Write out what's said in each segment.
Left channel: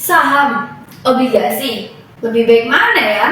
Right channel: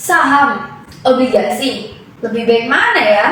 Saham, obligasi, lebih baik mana ya?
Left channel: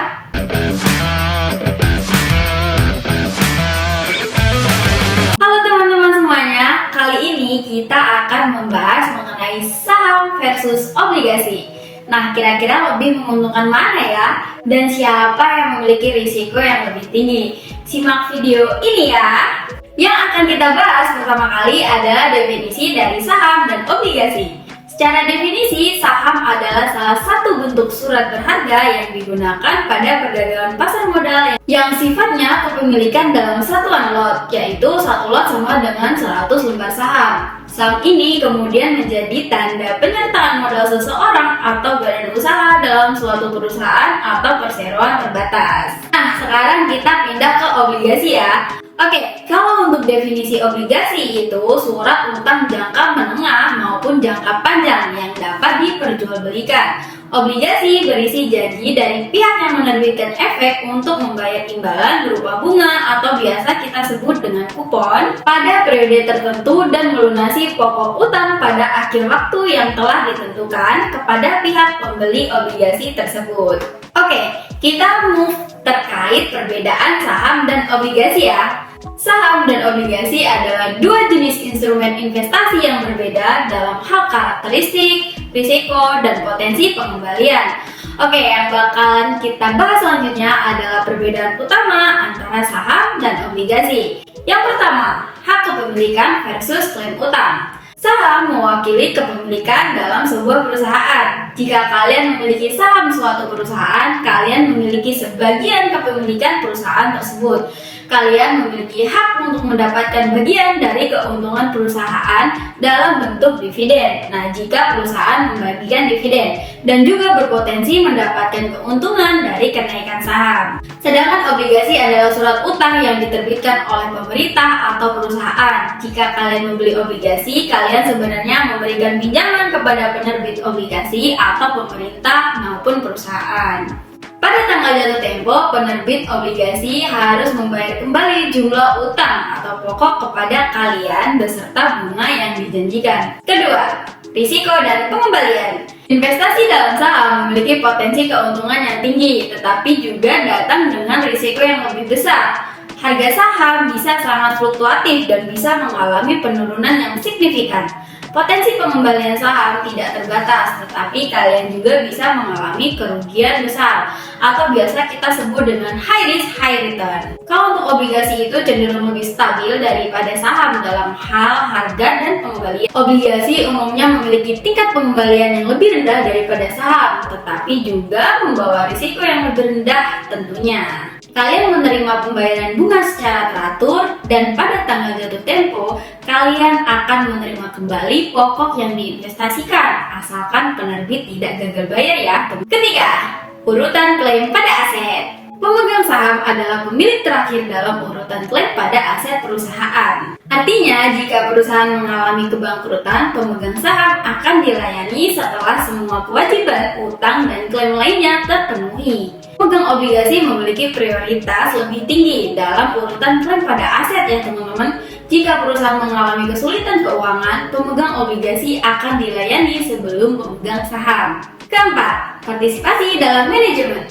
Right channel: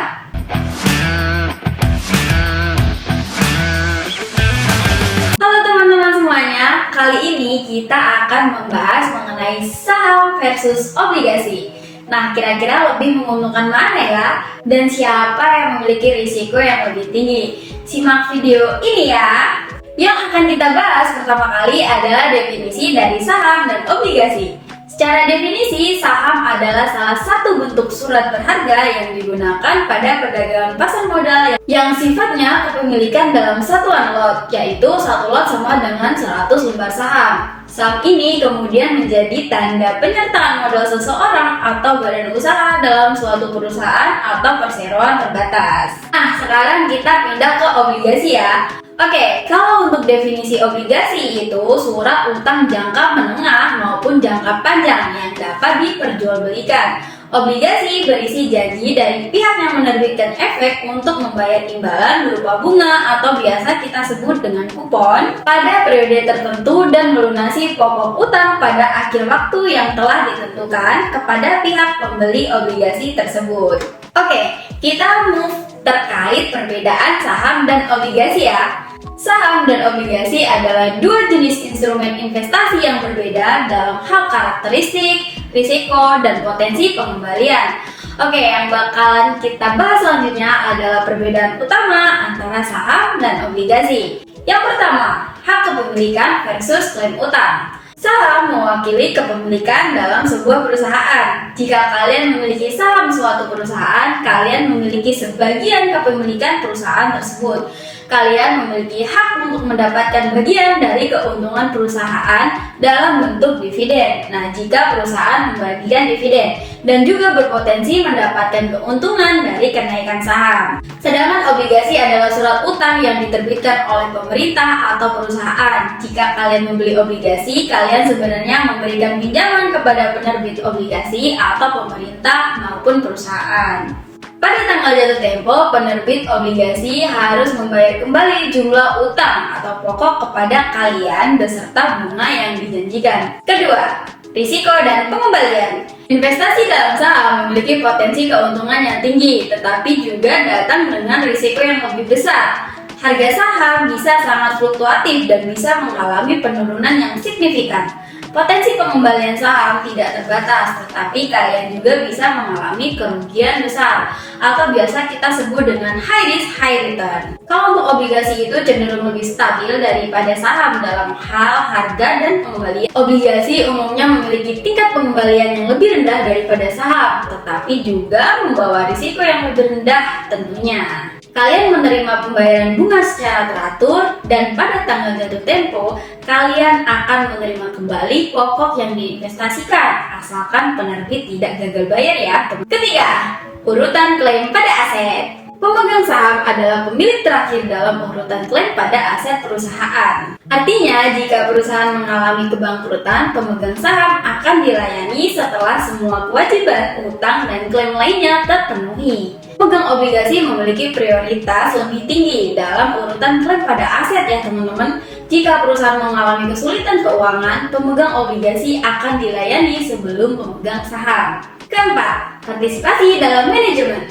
Halo teman-teman semuanya, kali ini kita akan membahas mengenai saham versus obligasi. Nah, kira-kira lebih menguntungkan mana ya? Dan siapa yang memiliki risiko yang lebih tinggi? Simak video ini ya! Yang akan kita bahas pertama kali adalah definisi dari saham dan obligasi. Secara definisi, saham adalah salah satu bentuk surat berharga yang digunakan pada perdagangan pasar modal yang sifatnya kepemilikan dalam satuan lot, yaitu satu lot sama dengan 100 lembar saham. Saham ini kemudian menjadi tanda penyertaan modal seseorang atau badan usaha dalam suatu perusahaan atau perseroan terbatas. Nah, sekarang kita pindah ke obligasi ya. Oke, kalau untuk definisi obligasi itu surat utang jangka menengah maupun jangka panjang yang dapat diperjualbelikan. Obligasi berisi janji dari pihak yang menerbitkan efek untuk membayar imbalan berupa bunga atau biasa kita sebut dengan kupon pada periode tertentu dan melunasi pokok utang pada akhir waktu yang telah ditentukan kepada pihak pembeli obligasi tersebut. Oke, kita move terkait perbedaan saham dan obligasi ya. Saham dan obligasi adalah dua jenis instrumen investasi yang berbeda dalam hal karakteristik, risiko, dan potensi pengembalian. Oke, yang bakalan kita bahas selanjutnya adalah perbedaan utama antara saham dan obligasi. Yang pertama, hak kepemilikan versus klaim utang. Saham mewakili kepemilikan dalam sebuah perusahaan. Jika kalian memiliki saham suatu perusahaan, kalian memiliki sebagian kepemilikan perusahaan tersebut. Kalian memiliki hak untuk mendapatkan bagian dari keuntungan perusahaan dalam bentuk dividen. Nah, jika perusahaan membagikan dividen dan juga berpotensi mendapatkan keuntungan dari kenaikan saham. Sedangkan obligasi adalah surat utang yang diterbitkan oleh pemerintah atau perusahaan. Jika kalian membeli obligasi, kalian sebenarnya memberikan pinjaman kepada penerbit obligasi atau pemerintah maupun perusahaan. Pada tanggal jatuh tempo, penerbit obligasi harus membayar kembali jumlah utang atau pokok kepada kalian beserta bunga yang dijanjikan. Kedua, risiko dan pengembalian. Investasi dalam saham memiliki potensi keuntungan yang tinggi, tetapi juga datang dengan risiko yang lebih besar. Harga saham bisa sangat fluktuatif dan bisa mengalami penurunan yang signifikan. Potensi pengembalian saham tidak terbatas, tetapi kalian juga bisa mengalami kerugian besar atau biasa kita sebut dengan high risk, high return. Kalau untuk obligasi itu cenderung lebih stabil daripada saham dalam hal harga dan pengembalian. Obligasi umumnya memiliki tingkat pengembalian yang lebih rendah daripada saham, tetapi juga membawa risiko yang lebih rendah tentunya. Kalian menerima pembayaran bunga secara teratur dan pada tanggal jatuh tempo, kalian akan menerima kembali pokok yang diinvestasikan, asalkan penerbit tidak gagal bayar ya. Ketiga, urutan klaim pada aset. Pemegang saham adalah pemilik terakhir dalam urutan klaim pada aset perusahaan. Artinya, jika perusahaan mengalami kebangkrutan, pemegang saham akan dilayani setelah semua kewajiban, utang, dan klaim lainnya terpenuhi. Pemegang obligasi memiliki prioritas lebih tinggi dalam urutan klaim pada aset ya teman-teman. Jika perusahaan mengalami kesulitan keuangan, pemegang obligasi akan dilayani sebelum pemegang saham. Keempat, partisipasi dalam manajemen.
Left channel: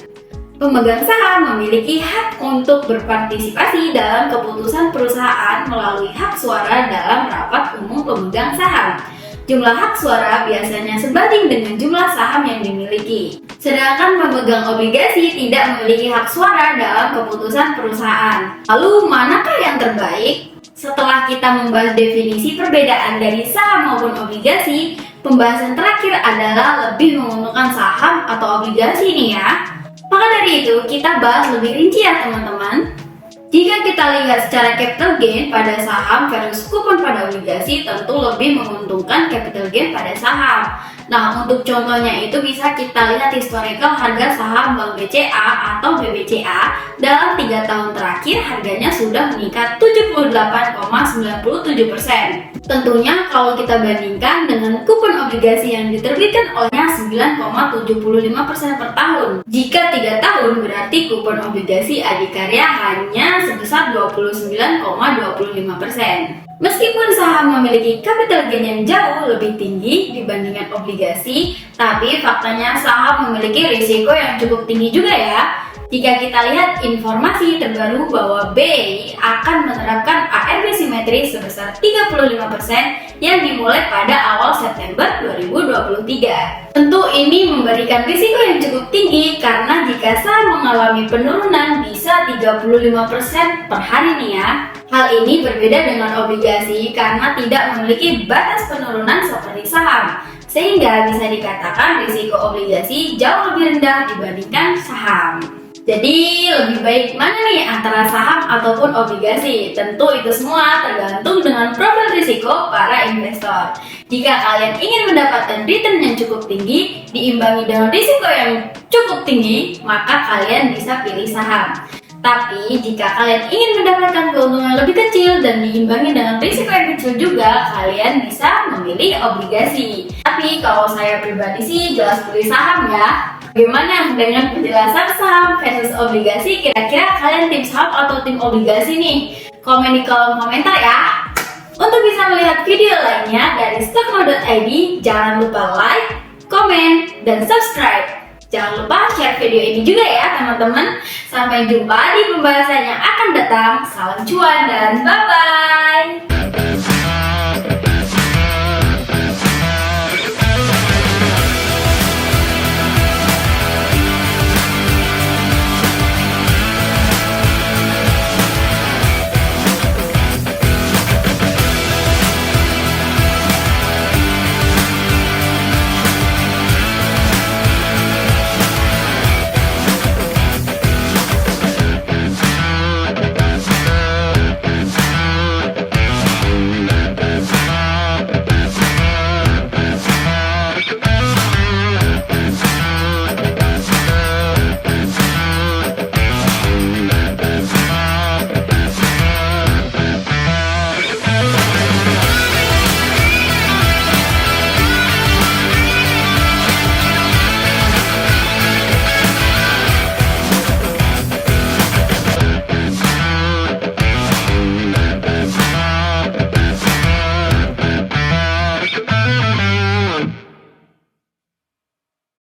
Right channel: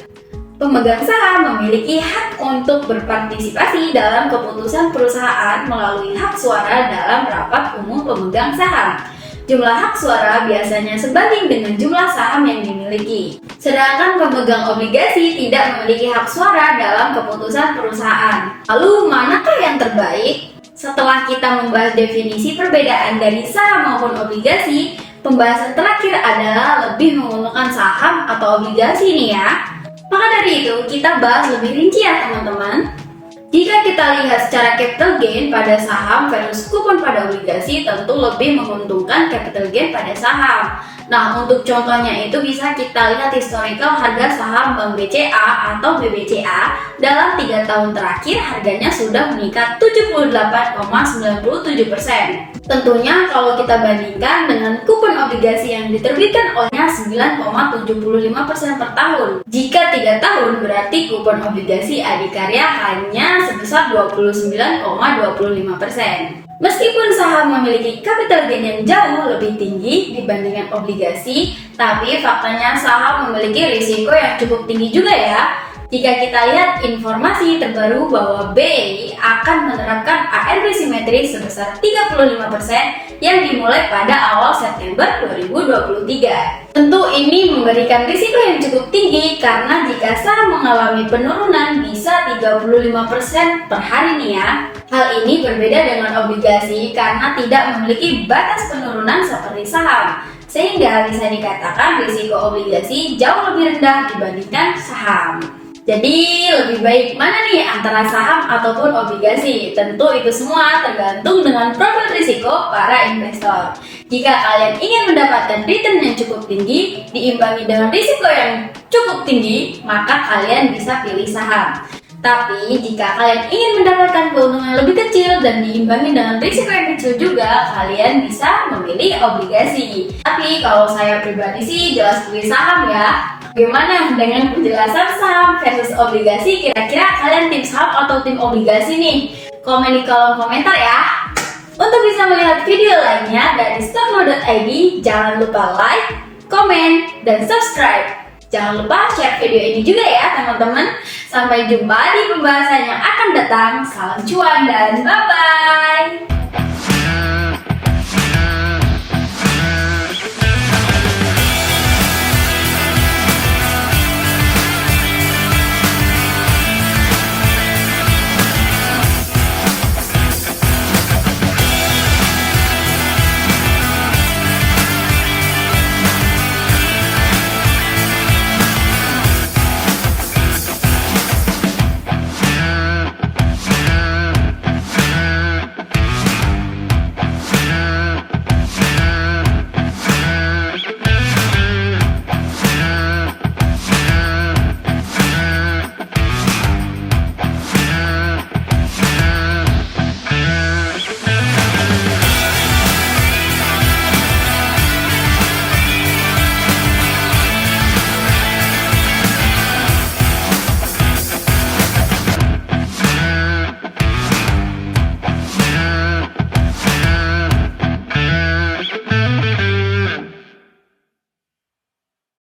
Pemegang saham memiliki hak untuk berpartisipasi dalam keputusan perusahaan melalui hak suara dalam rapat umum pemegang saham. Jumlah hak suara biasanya sebanding dengan jumlah saham yang dimiliki. Sedangkan pemegang obligasi tidak memiliki hak suara dalam keputusan perusahaan. Lalu manakah yang terbaik? Setelah kita membahas definisi perbedaan dari saham maupun obligasi, pembahasan terakhir adalah lebih menguntungkan saham atau obligasi nih ya. Maka dari itu, kita bahas lebih rinci ya teman-teman. Jika kita lihat secara capital gain pada saham versus kupon pada obligasi, tentu lebih menguntungkan capital gain pada saham. Nah, untuk contohnya itu bisa kita lihat historical harga saham Bank BCA atau BBCA dalam 3 tahun terakhir harganya sudah meningkat 78,97%. Tentunya kalau kita bandingkan dengan kupon obligasi yang diterbitkan olehnya 9,75% per tahun. Jika 3 tahun berarti kupon obligasi adikarya hanya sebesar 29,25%. Meskipun saham memiliki capital gain yang jauh lebih tinggi dibandingkan obligasi, tapi faktanya saham memiliki risiko yang cukup tinggi juga ya. Jika kita lihat informasi terbaru bahwa BI akan menerapkan ARB simetris sebesar 35% yang dimulai pada awal September 2023. Tentu ini memberikan risiko yang cukup tinggi karena jika saham mengalami penurunan bisa 35% per hari nih ya. Hal ini berbeda dengan obligasi karena tidak memiliki batas penurunan seperti saham, sehingga bisa dikatakan risiko obligasi jauh lebih rendah dibandingkan saham. Jadi lebih baik mana nih antara saham ataupun obligasi? Tentu itu semua tergantung dengan profil risiko para investor. Jika kalian ingin mendapatkan return yang cukup tinggi diimbangi dengan risiko yang cukup tinggi, maka kalian bisa pilih saham. Tapi jika kalian ingin mendapatkan keuntungan lebih kecil dan diimbangi dengan risiko yang kecil juga, kalian bisa memilih obligasi. Tapi kalau saya pribadi sih jelas pilih saham ya. Bagaimana dengan penjelasan saham versus obligasi? Kira-kira kalian tim saham atau tim obligasi nih? Komen di kolom komentar ya. Untuk bisa melihat video lainnya dari stockmo.id, jangan lupa like, komen, dan subscribe. Jangan lupa share video ini juga ya teman-teman. Sampai jumpa di pembahasan yang akan datang. Salam cuan dan bye-bye.